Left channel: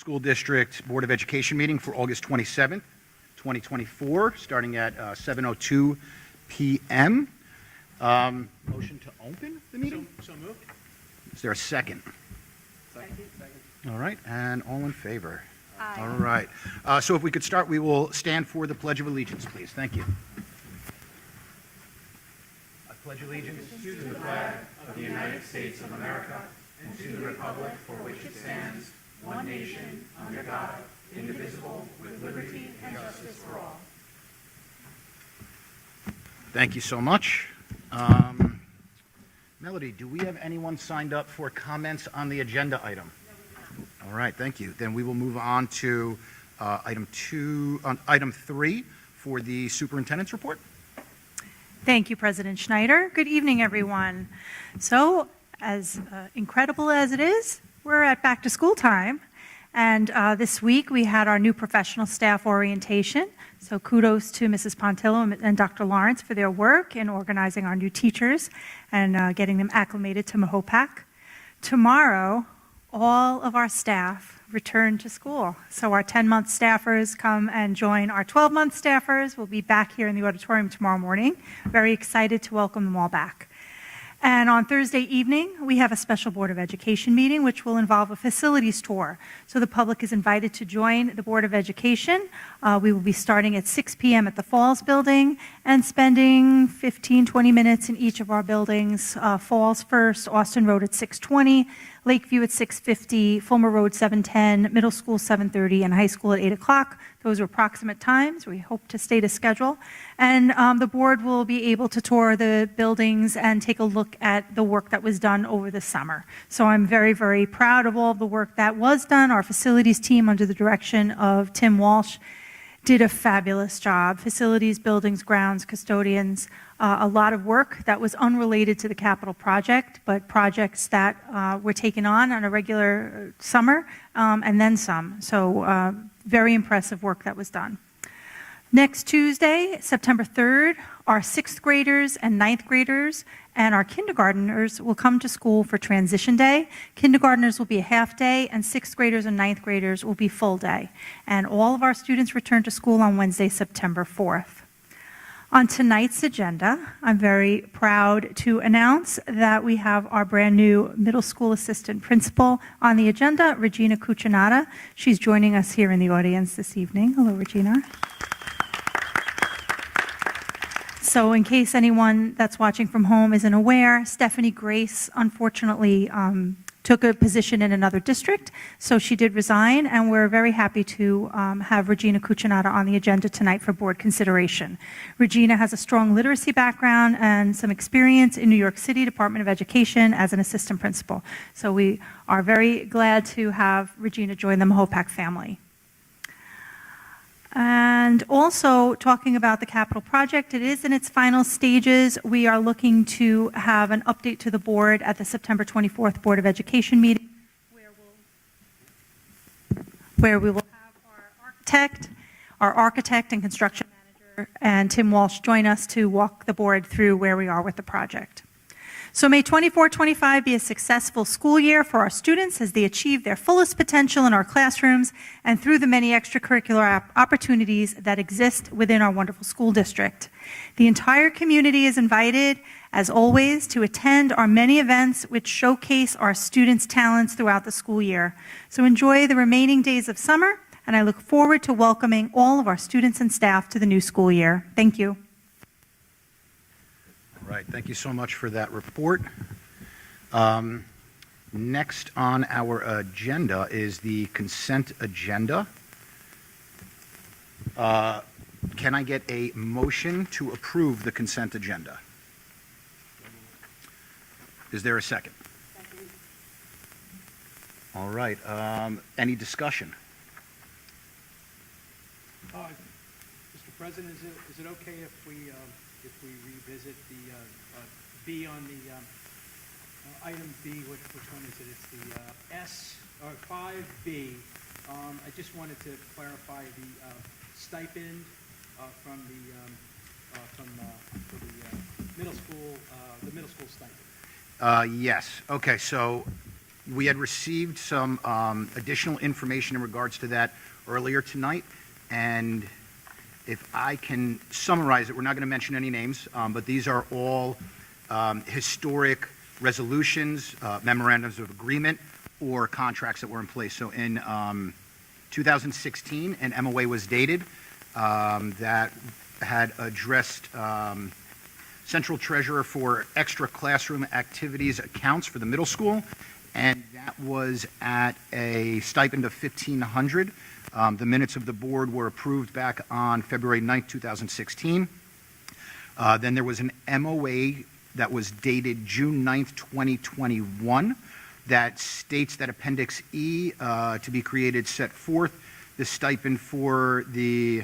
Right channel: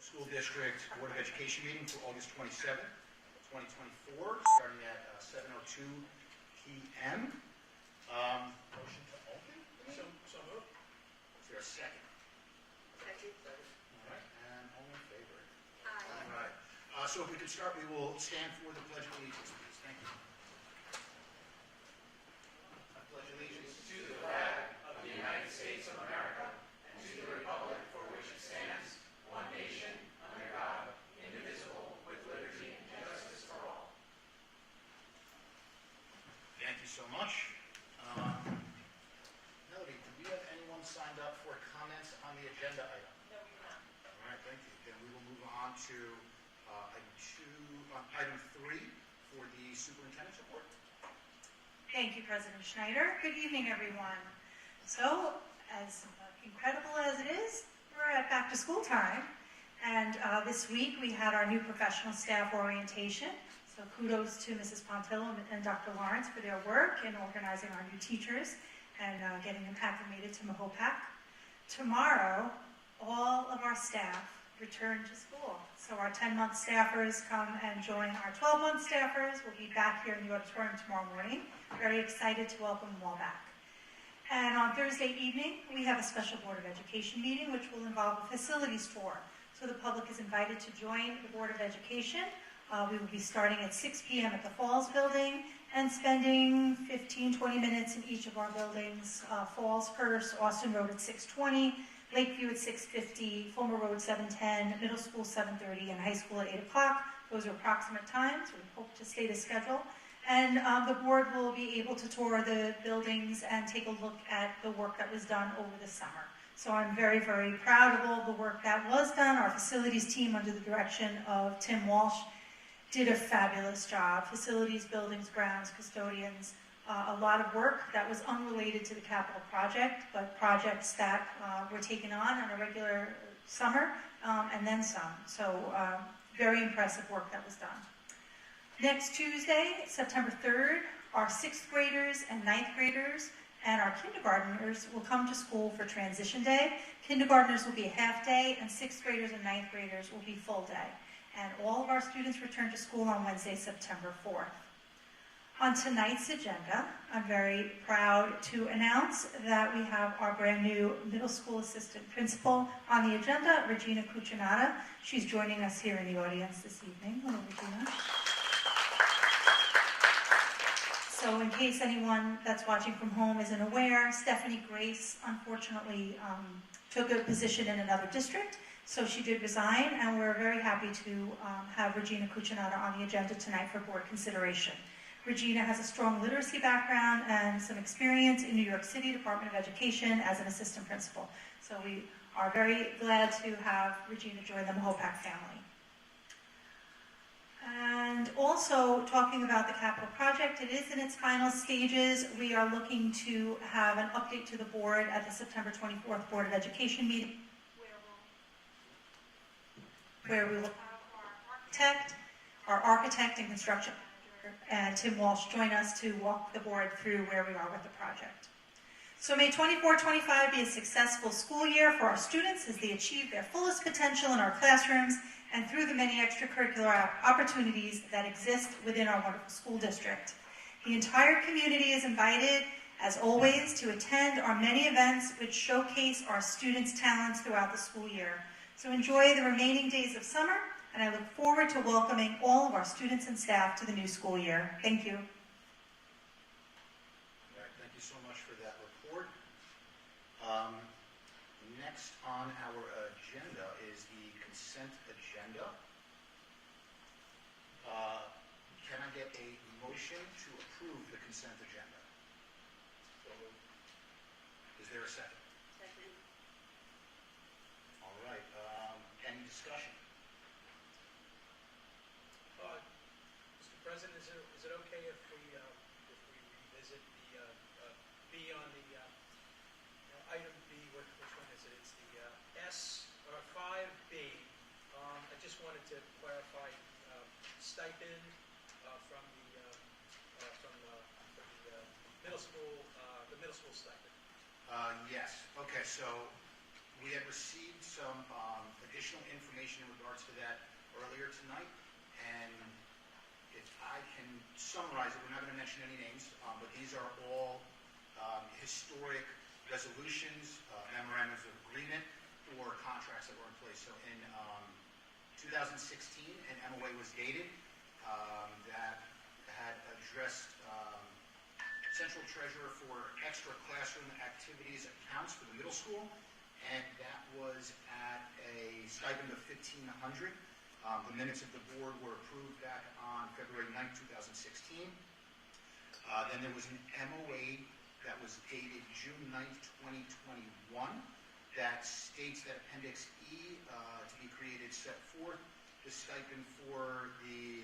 School District Board of Education meeting for August 27th, 2024, starting at 7:02 p.m. Motion to open the meeting? So moved. Is there a second? Second. All right, and all in favor? Aye. All right. So if we could start, we will stand for the Pledge of Allegiance, please. Thank you. I pledge allegiance to the flag of the United States of America and to the republic for which it stands, one nation, under God, indivisible, with liberty and justice for all. Thank you so much. Melody, do we have anyone signed up for comments on the agenda item? All right, thank you. Then we will move on to item 3 for the superintendent's report. Thank you, President Schneider. Good evening, everyone. So, as incredible as it is, we're at back to school time. And this week we had our new professional staff orientation. So kudos to Mrs. Pontillo and Dr. Lawrence for their work in organizing our new teachers and getting them acclimated to Mahopac. Tomorrow, all of our staff return to school. So our 10-month staffers come and join our 12-month staffers. We'll be back here in the auditorium tomorrow morning. Very excited to welcome them all back. And on Thursday evening, we have a special Board of Education meeting, which will involve a facilities tour. So the public is invited to join the Board of Education. We will be starting at 6 p.m. at the Falls building and spending 15, 20 minutes in each of our buildings. Falls first, Austin Road at 6:20, Lakeview at 6:50, Fulmer Road 7:10, Middle School 7:30, and High School at 8 o'clock. Those are approximate times. We hope to stay to schedule. And the board will be able to tour the buildings and take a look at the work that was done over the summer. So I'm very, very proud of all of the work that was done. Our facilities team, under the direction of Tim Walsh, did a fabulous job. Facilities, buildings, grounds, custodians, a lot of work that was unrelated to the capital project, but projects that were taken on a regular summer and then some. So very impressive work that was done. Next Tuesday, September 3rd, our 6th graders and 9th graders and our kindergartners will come to school for transition day. Kindergartners will be a half day, and 6th graders and 9th graders will be full day. And all of our students return to school on Wednesday, September 4th. On tonight's agenda, I'm very proud to announce that we have our brand new middle school assistant principal on the agenda, Regina Cuccinata. She's joining us here in the audience this evening. Hello, Regina. So in case anyone that's watching from home isn't aware, Stephanie Grace unfortunately took a position in another district, so she did resign, and we're very happy to have Regina Cuccinata on the agenda tonight for board consideration. Regina has a strong literacy background and some experience in New York City Department of Education as an assistant principal. So we are very glad to have Regina join the Mahopac family. And also, talking about the capital project, it is in its final stages. We are looking to have an update to the board at the September 24th Board of Education meeting, where we will have our architect and construction manager, and Tim Walsh join us to walk the board through where we are with the project. So may 24-25 be a successful school year for our students as they achieve their fullest potential in our classrooms and through the many extracurricular opportunities that exist within our wonderful school district. The entire community is invited, as always, to attend our many events which showcase our students' talents throughout the school year. So enjoy the remaining days of summer, and I look forward to welcoming all of our students and staff to the new school year. Thank you. All right, thank you so much for that report. Next on our agenda is the consent agenda. Can I get a motion to approve the consent agenda? Is there a second? Second. All right, any discussion? Mr. President, is it okay if we revisit the B on the item B? Which one is it? It's the S or 5B. I just wanted to clarify the stipend for the middle school stipend. Yes. Okay, so We had received some additional information in regards to that earlier tonight, and if I can summarize it, we're not going to mention any names, but these are all historic resolutions, memorandums of agreement, or contracts that were in place. So in 2016, an MOA was dated that had addressed central treasurer for extra classroom activities accounts for the middle school, and that was at a stipend of $1,500. The minutes of the board were approved back on February 9th, 2016. Then there was an MOA that was dated June 9th, 2021, that states that Appendix E to be created set forth the stipend for the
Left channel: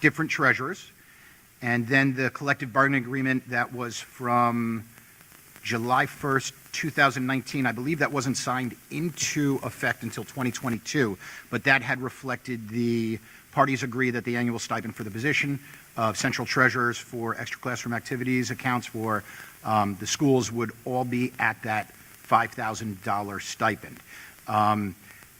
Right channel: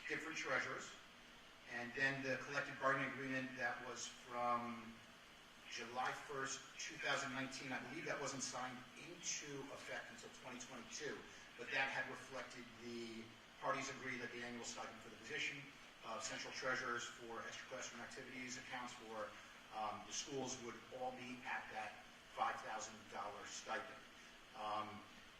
different treasurers. And then the collective bargaining agreement that was from July 1st, 2019, I believe that wasn't signed into effect until 2022, but that had reflected the parties agree that the annual stipend for the position of central treasurers for extra classroom activities accounts for the schools would all be at that $5,000 stipend.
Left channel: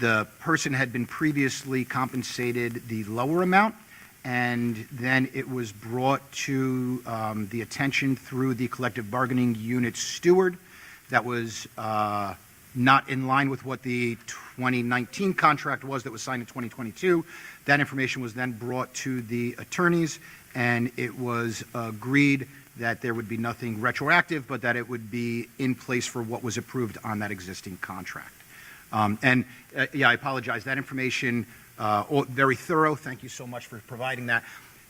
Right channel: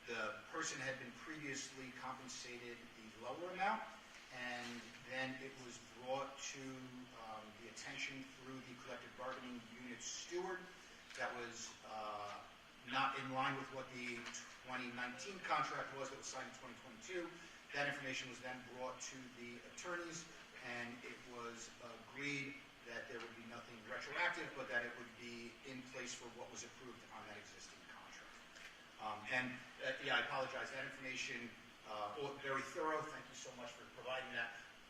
The person had been previously compensated the lower amount, and then it was brought to the attention through the collective bargaining unit steward that was not in line with what the 2019 contract was that was signed in 2022. That information was then brought to the attorneys, and it was agreed that there would be nothing retroactive, but that it would be in place for what was approved on that existing contract. Yeah, I apologize. That information, very thorough. Thank you so much for providing that.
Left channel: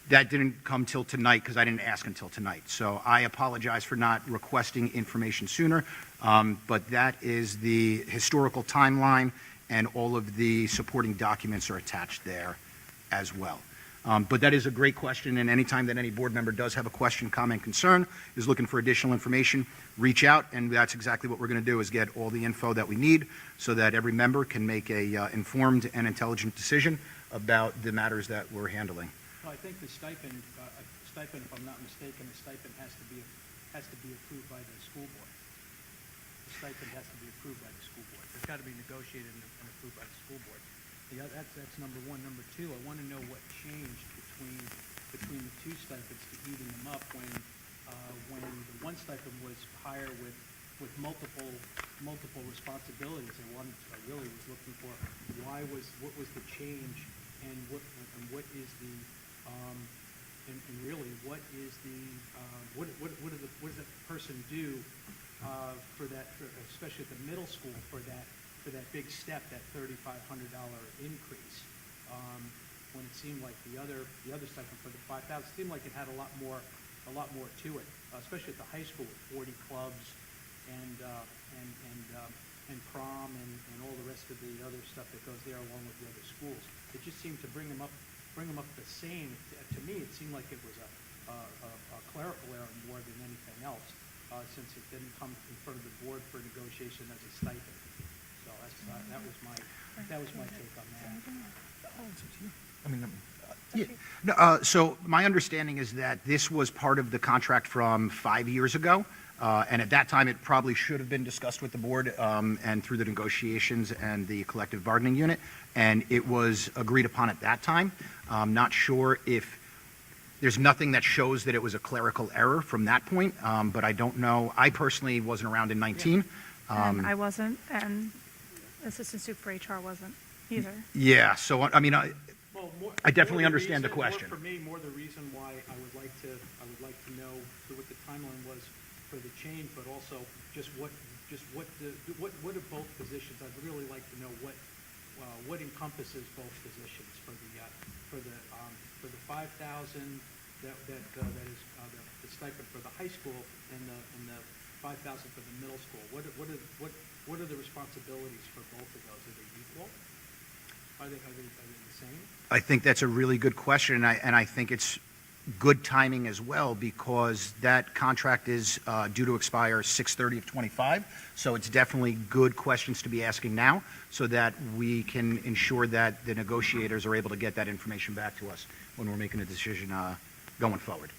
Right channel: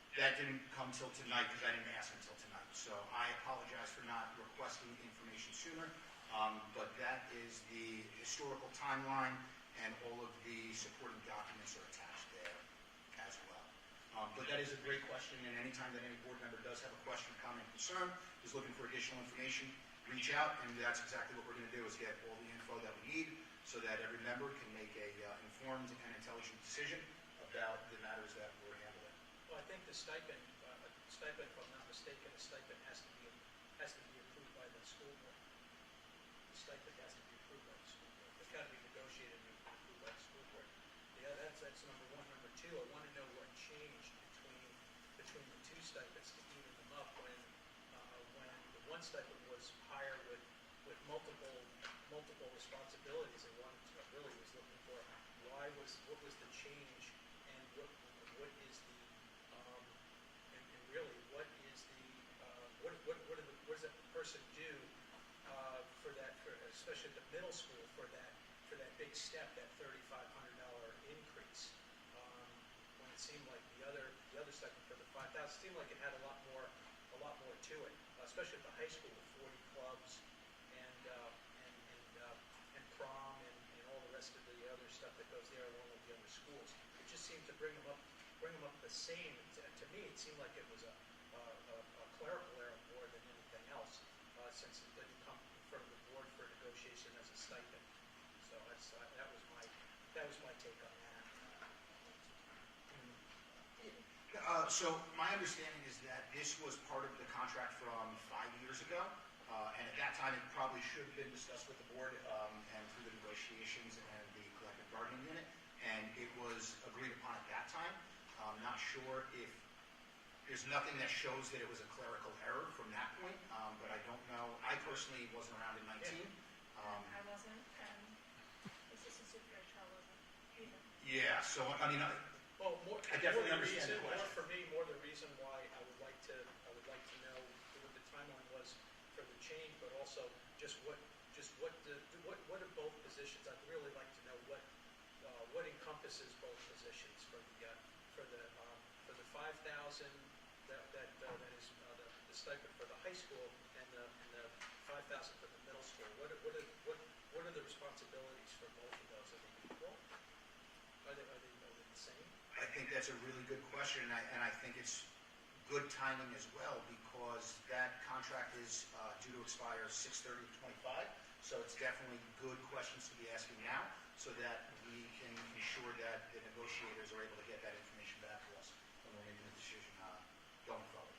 That didn't come till tonight because I didn't ask until tonight. So I apologize for not requesting information sooner. But that is the historical timeline, and all of the supporting documents are attached there as well. But that is a great question, and anytime that any board member does have a question, comment, concern, is looking for additional information, reach out, and that's exactly what we're going to do, is get all the info that we need so that every member can make a informed and intelligent decision about the matters that we're handling. Well, I think the stipend, if I'm not mistaken, the stipend has to be approved by the school board. The stipend has to be approved by the school board. It's got to be negotiated and approved by the school board. Yeah, that's number one. Number two, I want to know what changed between the two stipends to even them up when the one stipend was higher with multiple responsibilities. I really was looking for what was the change, and what is the and really what is the what does that person do for that, especially at the middle school, for that big step, that $3,500 increase, when it seemed like the other stipend for the $5,000 seemed like it had a lot more to it, especially at the high school, 40 clubs and prom and all the rest of the other stuff that goes there along with the other schools. It just seemed to bring them up the same. To me, it seemed like it was a clerical error more than anything else, since it didn't come in front of the board for negotiation as a stipend. So that was my take on that. Yeah. No, so my understanding is that this was part of the contract from 5 years ago, and at that time it probably should have been discussed with the board and through the negotiations and the collective bargaining unit, and it was agreed upon at that time. I'm not sure if there's nothing that shows that it was a clerical error from that point, but I don't know. I personally wasn't around in 19. And I wasn't, and Assistant Soup for HR wasn't either. Yeah, so I mean, Well, I definitely understand the question. For me, more the reason why I would like to know what the timeline was for the change, but also just what are both positions. I'd really like to know what encompasses both positions for the 5,000 that is the stipend for the high school, and the 5,000 for the middle school. What are the responsibilities for both of those? Are they equal? Are they the same? I think that's a really good question, and I think it's good timing as well, because that contract is due to expire 6/30 of 25. So it's definitely good questions to be asking now, so that we can ensure that the negotiators are able to get that information back to us when we're making a decision going forward.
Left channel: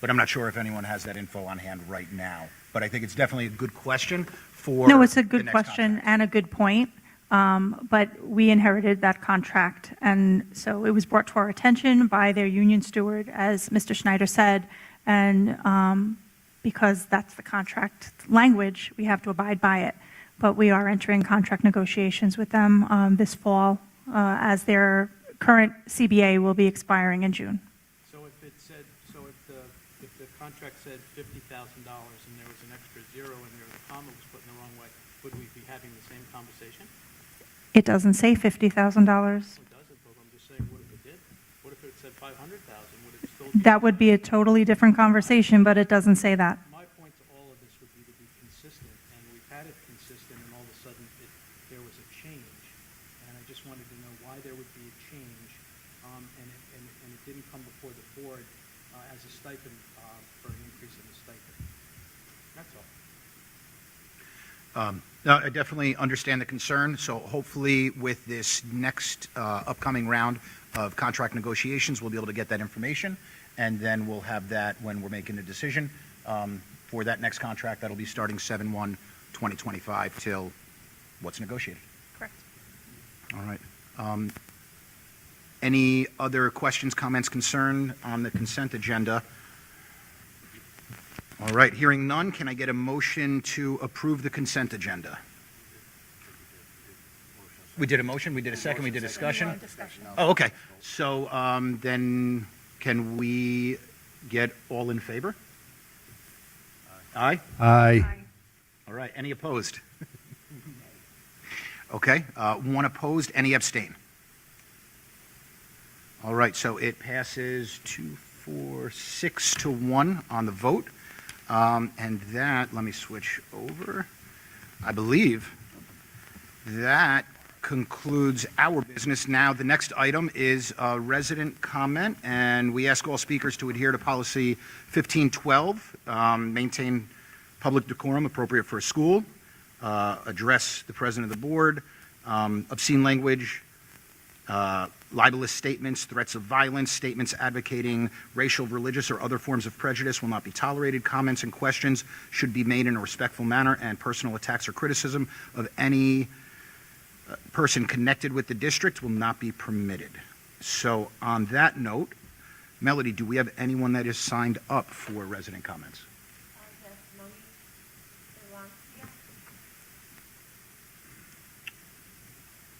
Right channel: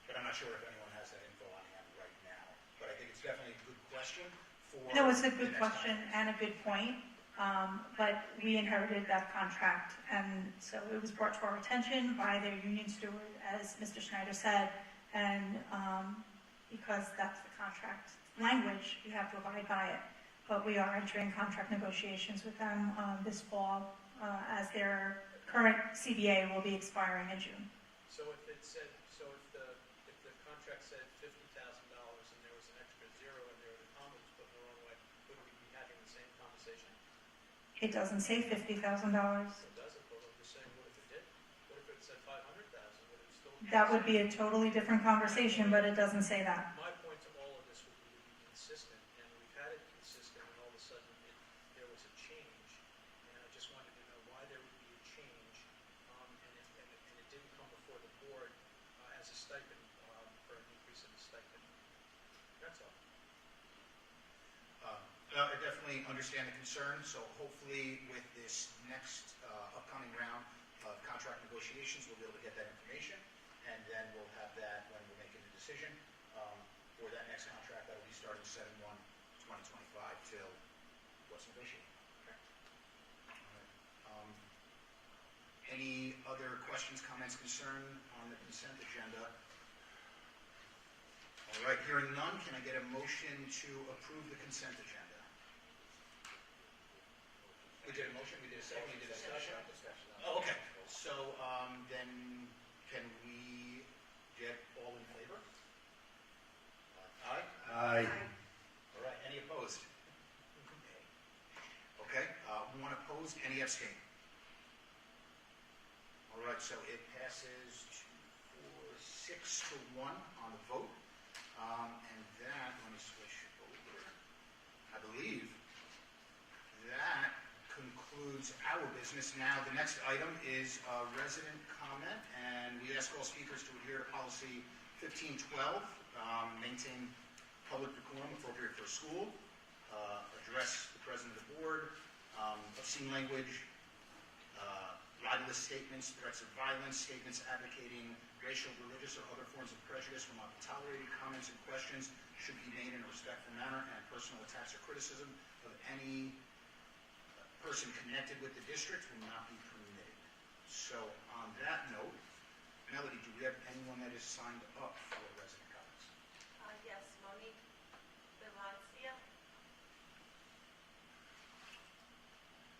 But I'm not sure if anyone has that info on hand right now. But I think it's definitely a good question for. No, it's a the good next question and a good point. But we inherited that contract, and so it was brought to our attention by their union steward, as Mr. Schneider said, and because that's the contract language, we have to abide by it. But we are entering contract negotiations with them this fall, as their current CBA will be expiring in June. So if the contract said $50,000 and there was an extra zero and there was a comma was put in the wrong way, would we be having the same conversation? It doesn't say $50,000. It doesn't, but I'm just saying, what if it did? What if it said 500,000? Would it still be? That would be a totally different conversation, but it doesn't say that. My point to all of this would be to be consistent, and we've had it consistent, and all of a sudden there was a change. And I just wanted to know why there would be a change, and it didn't come before the board as a stipend for an increase in the stipend. That's all. No, I definitely understand the concern. So hopefully with this next upcoming round of contract negotiations, we'll be able to get that information. And then we'll have that when we're making a decision for that next contract. That'll be starting 7/1/2025 till what's negotiated. Correct. All right. Any other questions, comments, concern on the consent agenda? All right, hearing none, can I get a motion to approve the consent agenda? We did a motion, we did a second, we did discussion? Oh, okay. So then can we get all in favor? Aye? Aye. All right, any opposed? Okay, one opposed, any abstain? All right, so it passes 6-1 on the vote. And that, let me switch over. I believe that concludes our business. Now, the next item is resident comment, and we ask all speakers to adhere to policy 1512, maintain public decorum appropriate for a school, address the president of the board, obscene language, libelous statements, threats of violence, statements advocating racial, religious, or other forms of prejudice will not be tolerated. Comments and questions should be made in a respectful manner, and personal attacks or criticism of any person connected with the district will not be permitted. So on that note, Melody, do we have anyone that is signed up for resident comments?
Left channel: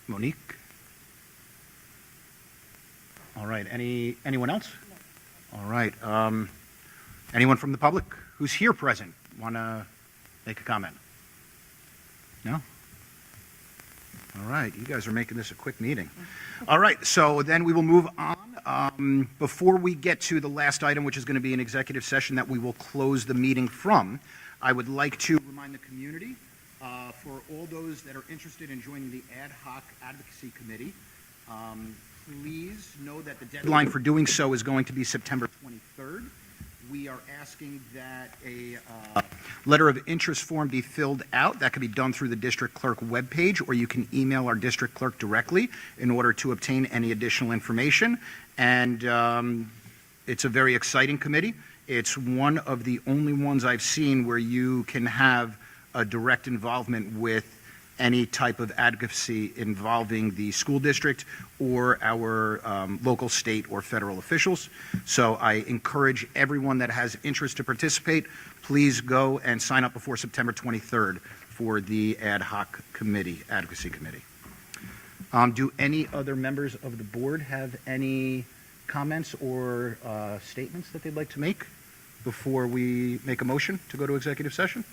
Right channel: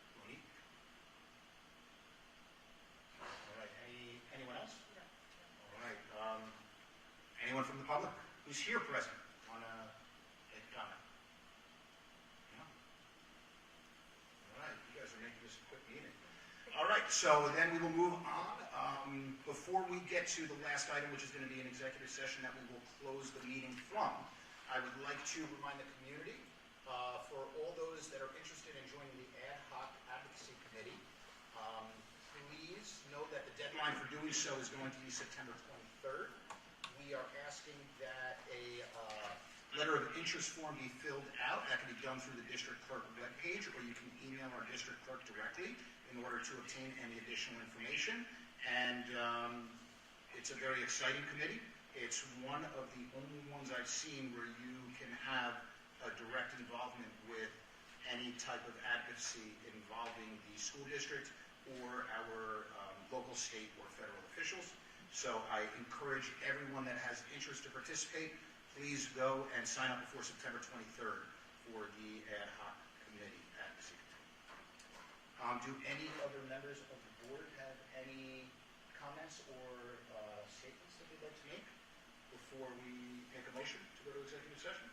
Monique? All right, anyone else? All right, anyone from the public who's here present want to make a comment? No? All right, you guys are making this a quick meeting. All right, so then we will move on. Before we get to the last item, which is going to be an executive session that we will close the meeting from, I would like to remind the community, for all those that are interested in joining the Ad Hoc Advocacy Committee, please know that the deadline for doing so is going to be September 23rd. We are asking that a letter of interest form be filled out. That can be done through the district clerk webpage, or you can email our district clerk directly in order to obtain any additional information. And it's a very exciting committee. It's one of the only ones I've seen where you can have a direct involvement with any type of advocacy involving the school district or our local, state, or federal officials. So I encourage everyone that has interest to participate, please go and sign up before September 23rd for the Ad Hoc Committee, Advocacy Committee. Do any other members of the board have any comments or statements that they'd like to make before we make a motion to go to executive session?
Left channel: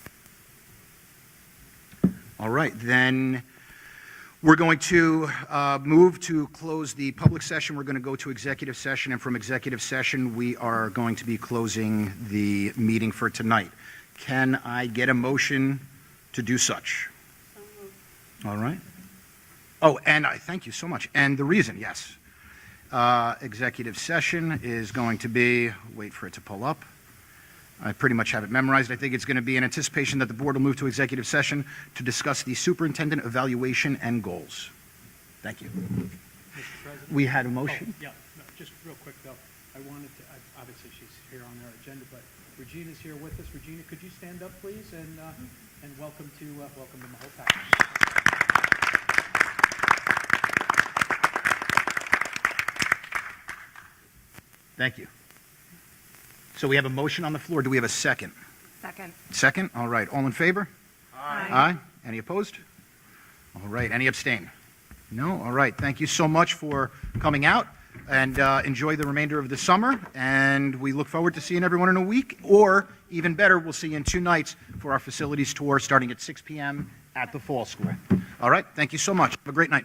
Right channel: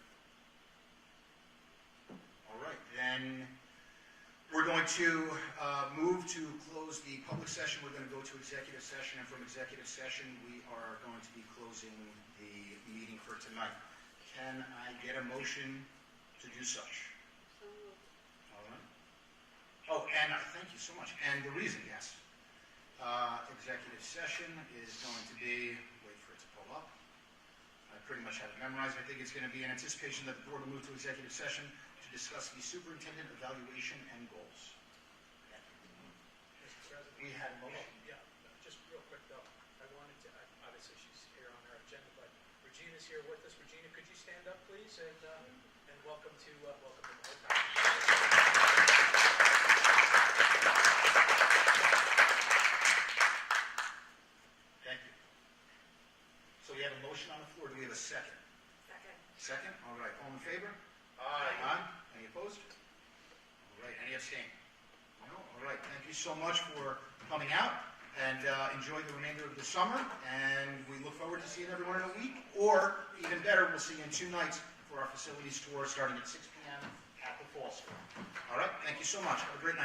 All right, then we're going to move to close the public session. We're going to go to executive session, and from executive session, we are going to be closing the meeting for tonight. Can I get a motion to do such? All right. Oh, and thank you so much. And the reason, yes. Executive session is going to be, wait for it to pull up. I pretty much have it memorized. I think it's going to be in anticipation that the board will move to executive session to discuss the superintendent evaluation and goals. Thank you. Mr. President? We had a motion? Oh, yeah, no, just real quick though, I wanted to, obviously she's here on our agenda, but Regina's here with us. Regina, could you stand up, please, and welcome them the whole package. Thank you. So we have a motion on the floor. Do we have a second? Second. Second? All right. All in favor? Aye. Aye. Any opposed? All right. Any abstain? No? All right. Thank you so much for coming out, and enjoy the remainder of the summer. And we look forward to seeing everyone in a week, or even better, we'll see you in 2 nights for our facilities tour starting at 6 p.m. at the Fall School. All right. Thank you so much. Have a great night.